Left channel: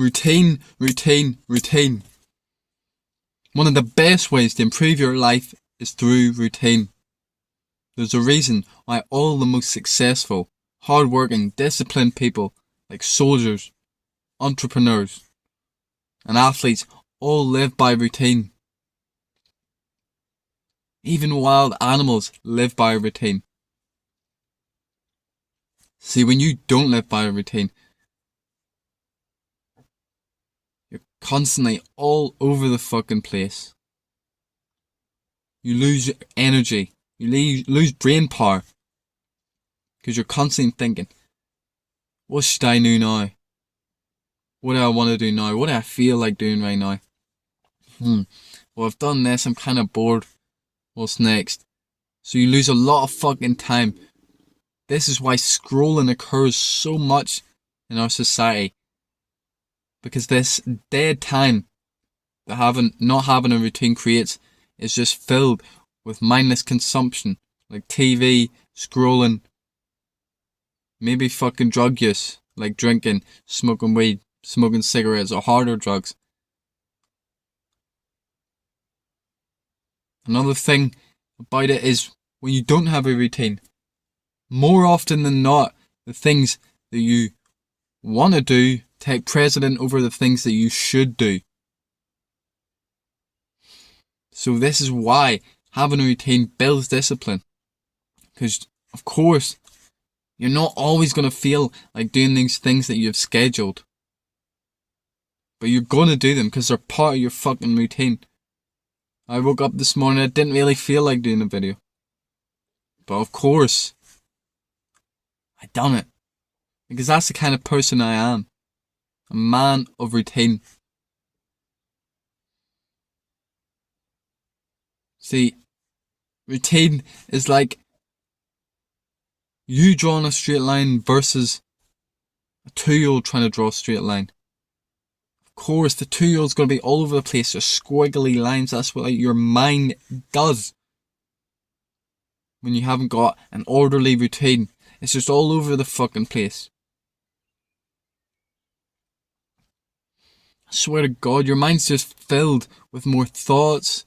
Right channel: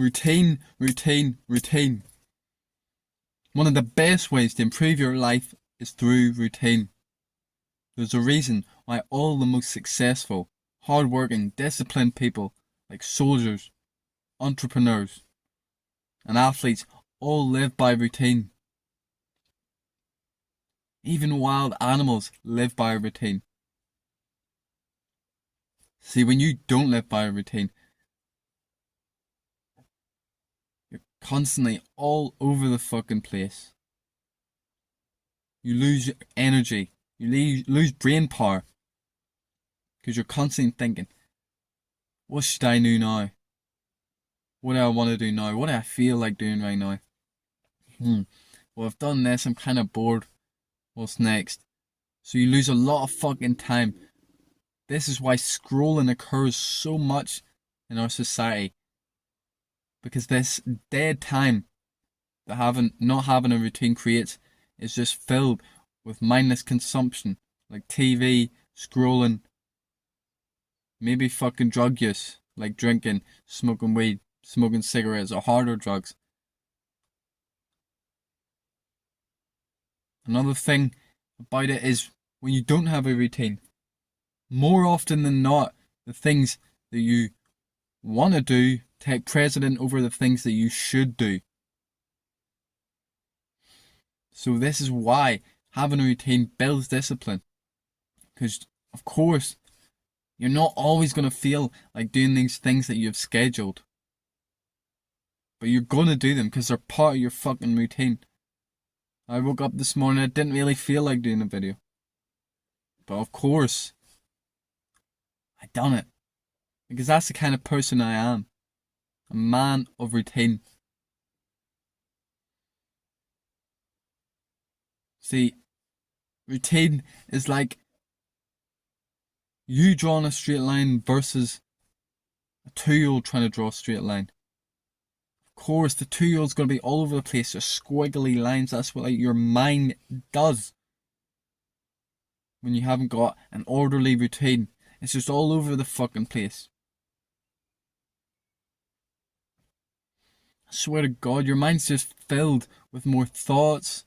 Routine, routine, routine. One of the best ways to improve your life is through routine. There's a reason why all the most successful, hard-working, disciplined people, like soldiers, entrepreneurs, and athletes, all live by routine. Even wild animals live by a routine. See, when you don't live by a routine, you're constantly all over the fucking place. You lose energy. You lose brain power. Because you're constantly thinking, what should I do now? What do I want to do now? What do I feel like doing right now? Well, I've done this. I'm kind of bored. What's next? So you lose a lot of fucking time. This is why scrolling occurs so much in our society. Because this dead time that not having a routine creates is just filled with mindless consumption. Like TV, scrolling, maybe fucking drug use. Like drinking, smoking weed, smoking cigarettes or harder drugs. Another thing about it is when you don't have a routine, more often than not, the things that you want to do take precedent over the things that you should do. So this is why having a routine builds discipline. Because, of course, you're not always going to feel like doing these things that you've scheduled. But you're going to do them because they're part of your fucking routine. I woke up this morning, I didn't really feel like doing a video. But of course, I done it. Because that's the kind of person I am. A man of routine. See, routine is like you drawing a straight line versus a 2-year-old trying to draw a straight line. Of course, the 2-year-old's going to be all over the place, just squiggly lines. That's what your mind does when you haven't got an orderly routine. It's just all over the fucking place. I swear to God, your mind's just filled with more thoughts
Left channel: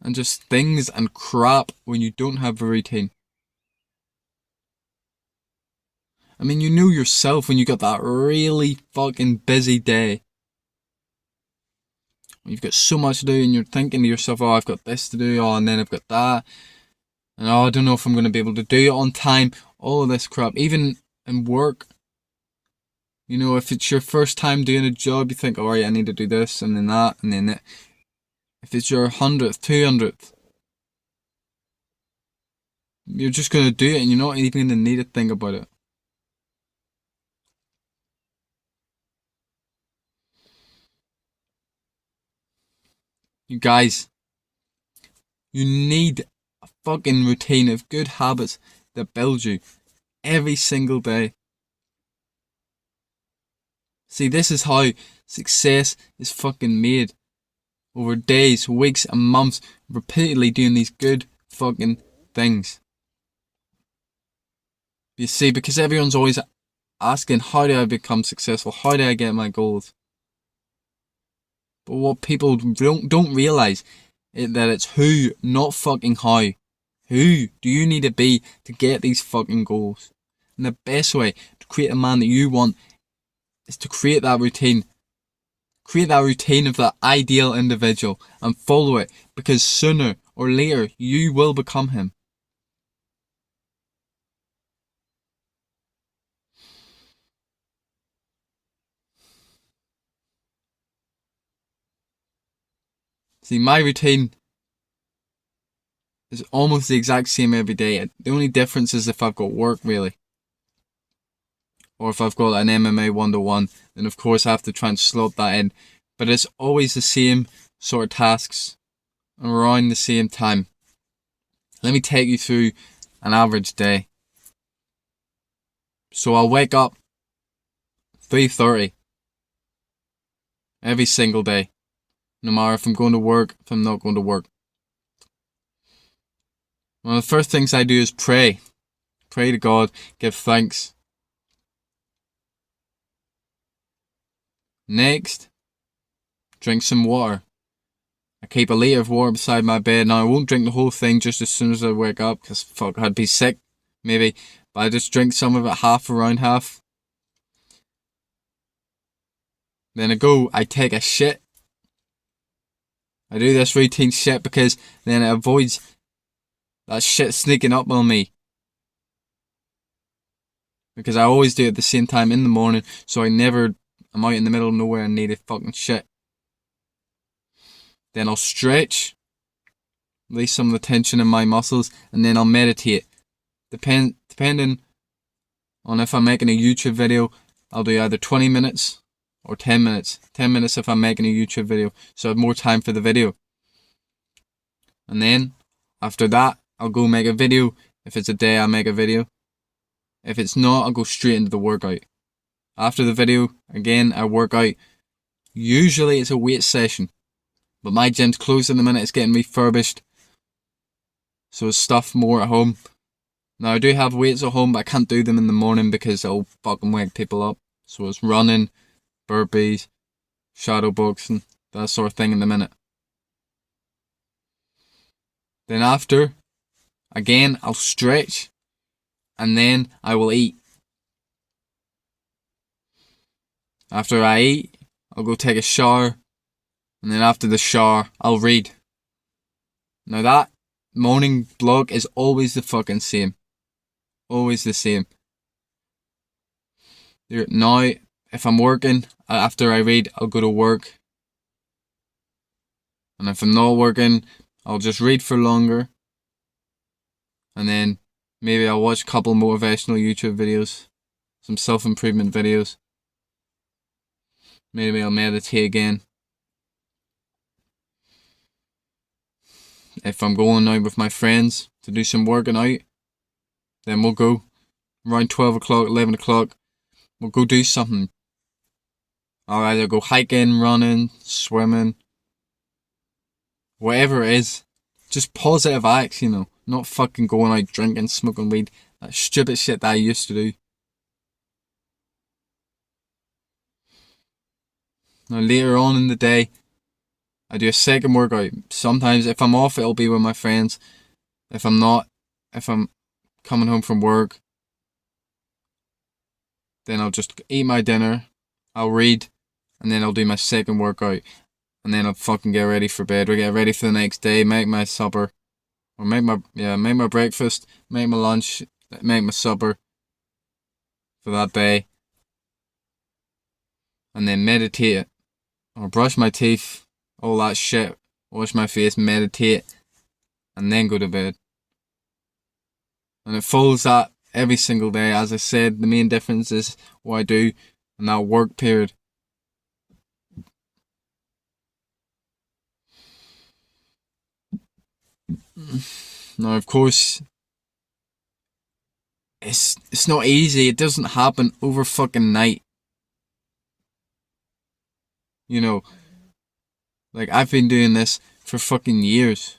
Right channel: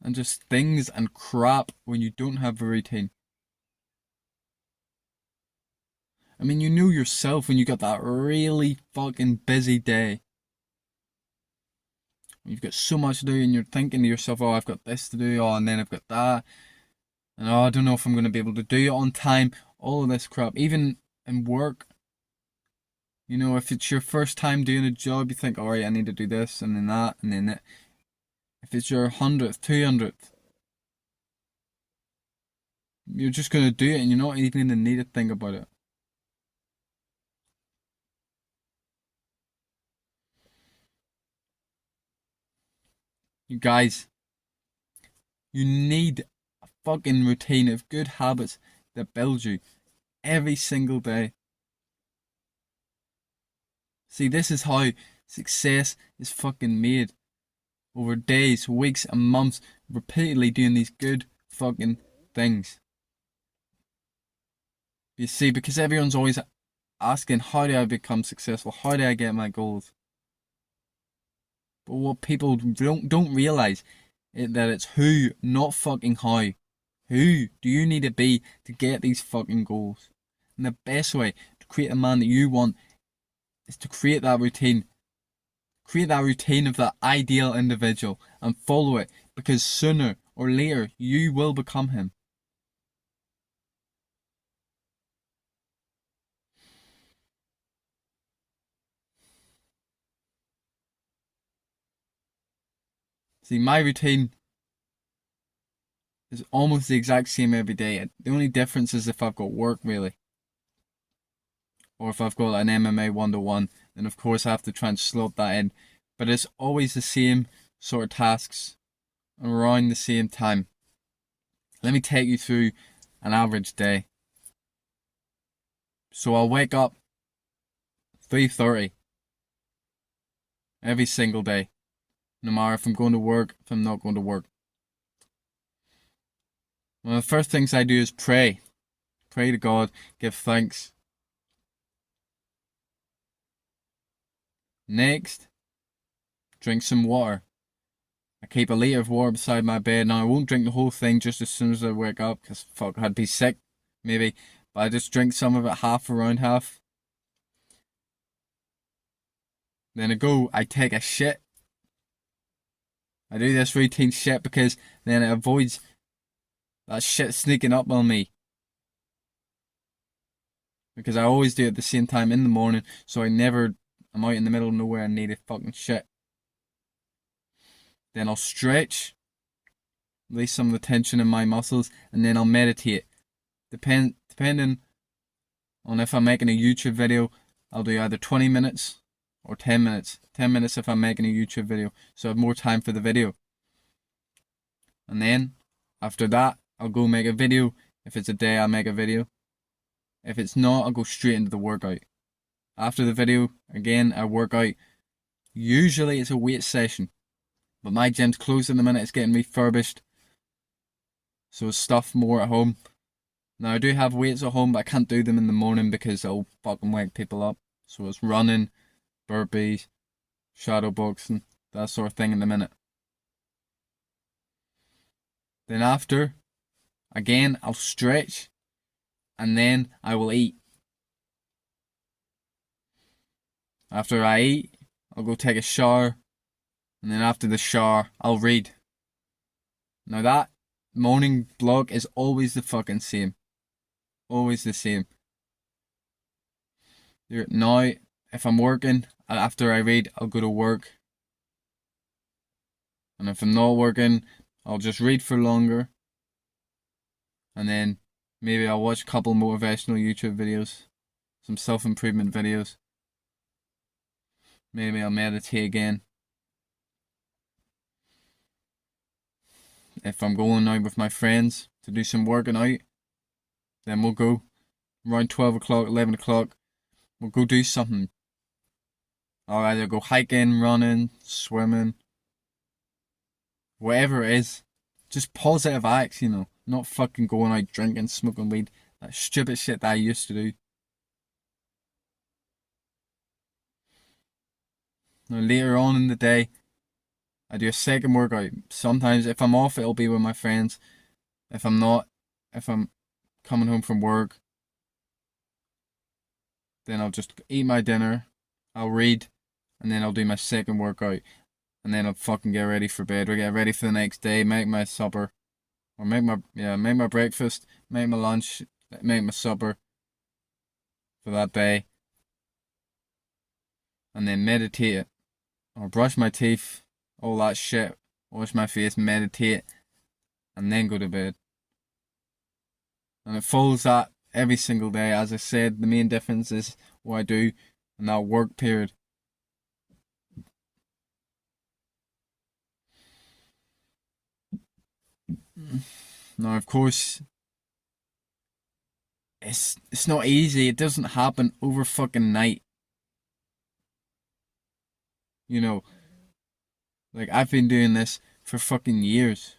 and just things and crap when you don't have a routine. I mean, you know yourself when you got that really fucking busy day. You've got so much to do and you're thinking to yourself, oh, I've got this to do, oh, and then I've got that. And oh, I don't know if I'm going to be able to do it on time. All of this crap. Even in work. You know, if it's your first time doing a job, you think, alright, I need to do this, and then that, and then that. If it's your 100th, 200th, you're just going to do it and you're not even going to need to think about it. You guys, you need a fucking routine of good habits that build you every single day. See, this is how success is fucking made. Over days, weeks and months, repeatedly doing these good fucking things. You see, because everyone's always asking, how do I become successful? How do I get my goals? But what people don't realise is that it's who, not fucking how. Who do you need to be to get these fucking goals? And the best way to create a man that you want is to create that routine. Create that routine of that ideal individual and follow it, because sooner or later you will become him. See, my routine is almost the exact same every day. The only difference is if I've got work, really. Or if I've got an MMA 1-to-1, then of course I have to try and slot that in. But it's always the same sort of tasks around the same time. Let me take you through an average day. So I'll wake up 3:30 every single day. No matter if I'm going to work, if I'm not going to work. One of the first things I do is pray. Pray to God, give thanks. Next, drink some water. I keep a litre of water beside my bed. Now, I won't drink the whole thing just as soon as I wake up, because fuck, I'd be sick, maybe. But I just drink some of it, half around half. Then I take a shit. I do this routine shit because then it avoids that shit sneaking up on me. Because I always do it at the same time in the morning, so I'm out in the middle of nowhere and need a fucking shit. Then I'll stretch, release some of the tension in my muscles, and then I'll meditate. Depending on if I'm making a YouTube video, I'll do either 20 minutes or 10 minutes. 10 minutes if I'm making a YouTube video, so I have more time for the video. And then, after that, I'll go make a video. If it's a day, I'll make a video. If it's not, I'll go straight into the workout. After the video, again, I work out. Usually it's a weight session, but my gym's closed in the minute. It's getting refurbished, so it's stuff more at home. Now, I do have weights at home, but I can't do them in the morning because it'll fucking wake people up. So it's running, burpees, shadow boxing, that sort of thing in the minute. Then after, again, I'll stretch, and then I will eat. After I eat, I'll go take a shower, and then after the shower, I'll read. Now that morning block is always the fucking same. Always the same. Now, if I'm working, after I read, I'll go to work. And if I'm not working, I'll just read for longer. And then maybe I'll watch a couple motivational YouTube videos. Some self-improvement videos. Maybe I'll meditate again. If I'm going out with my friends to do some working out, then we'll go around 12 o'clock, 11 o'clock. We'll go do something. I'll either go hiking, running, swimming, whatever it is. Just positive acts, you know. Not fucking going out drinking, smoking weed. That stupid shit that I used to do. Now later on in the day, I do a second workout. Sometimes if I'm off, it'll be with my friends. If I'm not, if I'm coming home from work, then I'll just eat my dinner, I'll read, and then I'll do my second workout. And then I'll fucking get ready for bed. We get ready for the next day, make my supper. Or make my breakfast, make my lunch, make my supper for that day. And then meditate. Or brush my teeth, all that shit. Wash my face, meditate, and then go to bed. And it follows that every single day. As I said, the main difference is what I do in that work period. Now, of course, it's not easy. It doesn't happen over fucking night. You know, like I've been doing this for fucking years.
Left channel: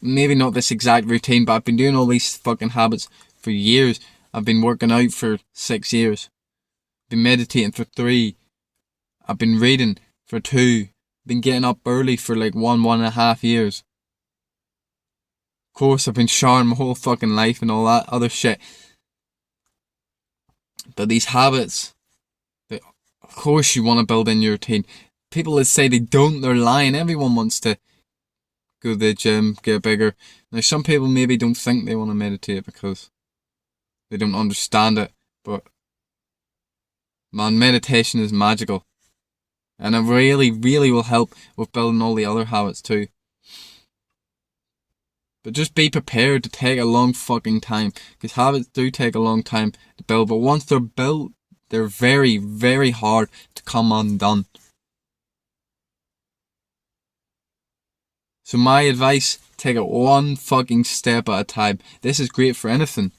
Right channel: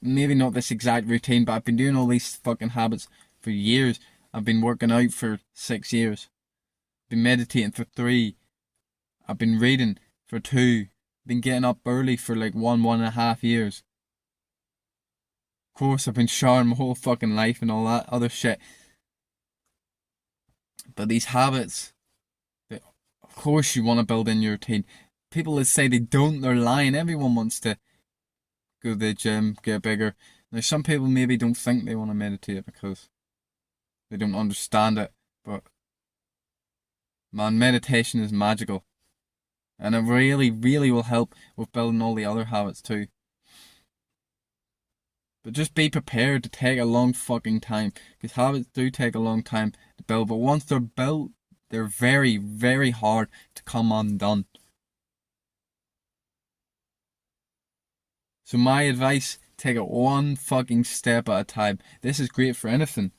Maybe not this exact routine, but I've been doing all these fucking habits for years. I've been working out for 6 years. I've been meditating for 3. I've been reading for 2. Been getting up early for like 1.5 years. Of course, I've been showering my whole fucking life and all that other shit. But these habits, of course you want to build in your routine. People that say they don't, they're lying. Everyone wants to go to the gym, get bigger. Now, some people maybe don't think they want to meditate because they don't understand it. But, man, meditation is magical. And it really, really will help with building all the other habits too. But just be prepared to take a long fucking time. Because habits do take a long time to build. But once they're built, they're very, very hard to come undone. So my advice, take it one fucking step at a time. This is great for anything.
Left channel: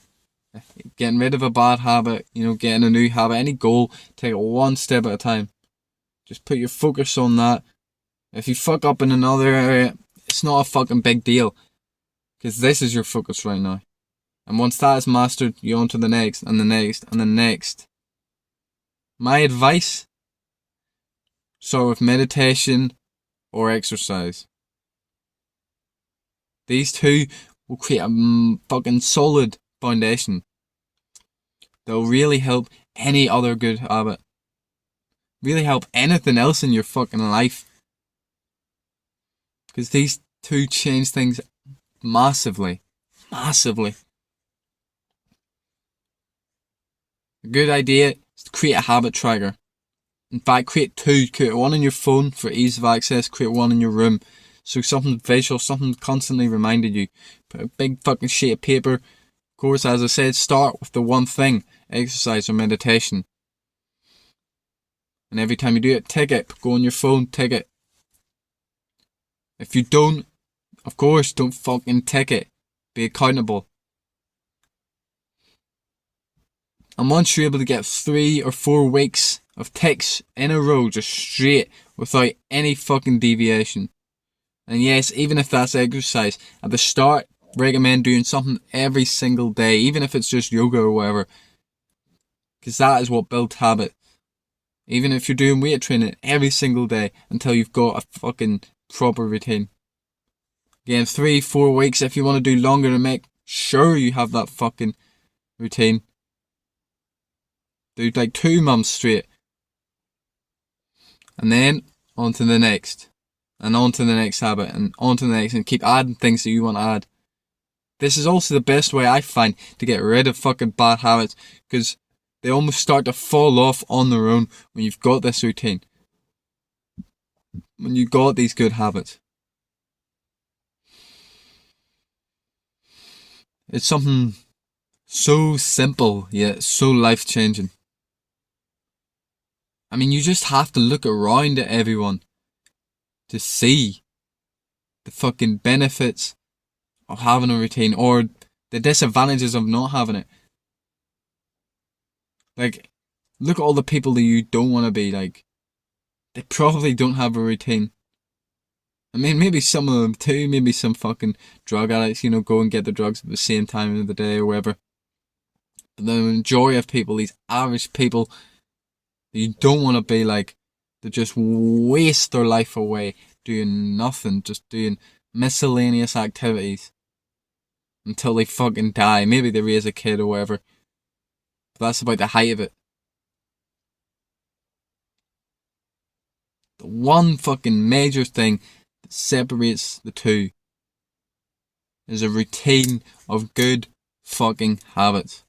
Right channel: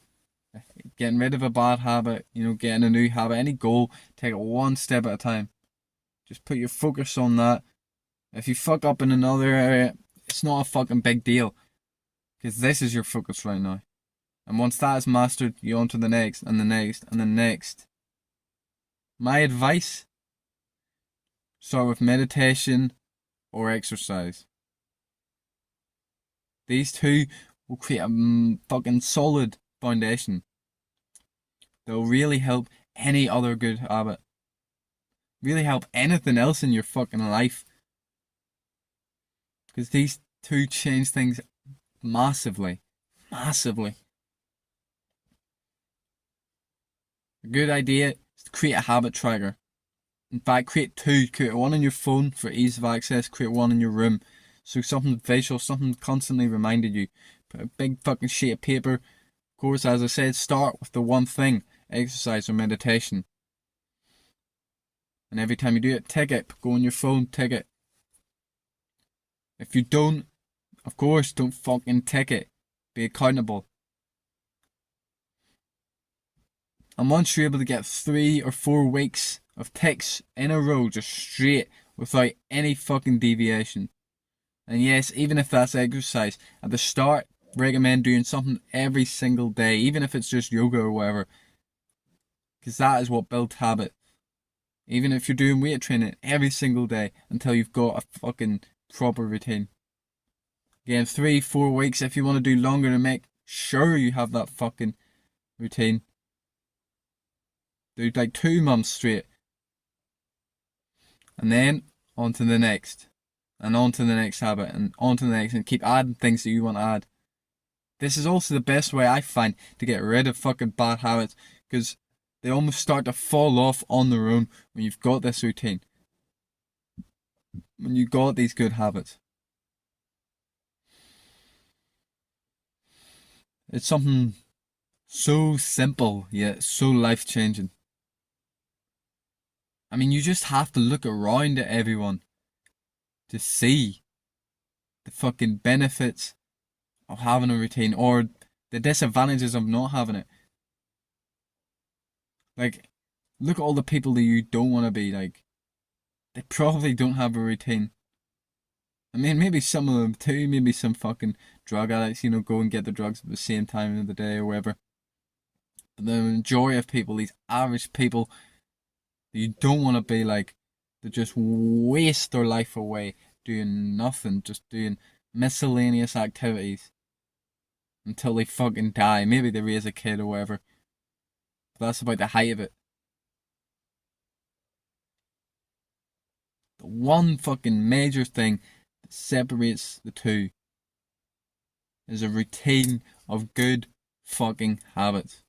Getting rid of a bad habit, getting a new habit, any goal, take it one step at a time. Just put your focus on that. If you fuck up in another area, it's not a fucking big deal. Because this is your focus right now. And once that is mastered, you're on to the next, and the next, and the next. My advice, start with meditation or exercise. These two will create a fucking solid foundation. They'll really help any other good habit. Really help anything else in your fucking life. Because these two change things massively. Massively. A good idea is to create a habit tracker. In fact, create two. Create one on your phone for ease of access. Create one in your room. So something visual, something constantly reminded you. Put a big fucking sheet of paper. Of course, as I said, start with the one thing. Exercise or meditation. And every time you do it, tick it. Go on your phone, tick it. If you don't, of course, don't fucking tick it. Be accountable. And once you're able to get 3 or 4 weeks of ticks in a row, just straight, without any fucking deviation. And yes, even if that's exercise, at the start, recommend doing something every single day, even if it's just yoga or whatever. Because that is what builds habit. Even if you're doing weight training every single day until you've got a fucking proper routine. Again, 3-4 weeks if you want to do longer to make sure you have that fucking routine. Do like 2 months straight. And then on to the next. And on to the next habit. And on to the next. And keep adding things that you want to add. This is also the best way I find to get rid of fucking bad habits. Because they almost start to fall off on their own when you've got this routine. When you've got these good habits. It's something so simple yet so life-changing. I mean, you just have to look around at everyone to see the fucking benefits of having a routine or the disadvantages of not having it. Like, look at all the people that you don't want to be like. They probably don't have a routine. I mean, maybe some of them too. Maybe some fucking drug addicts, go and get the drugs at the same time of the day or whatever. But the majority of people, these average people, you don't want to be like, they just waste their life away doing nothing, just doing miscellaneous activities until they fucking die. Maybe they raise a kid or whatever. But that's about the height of it. The one fucking major thing that separates the two is a routine of good fucking habits.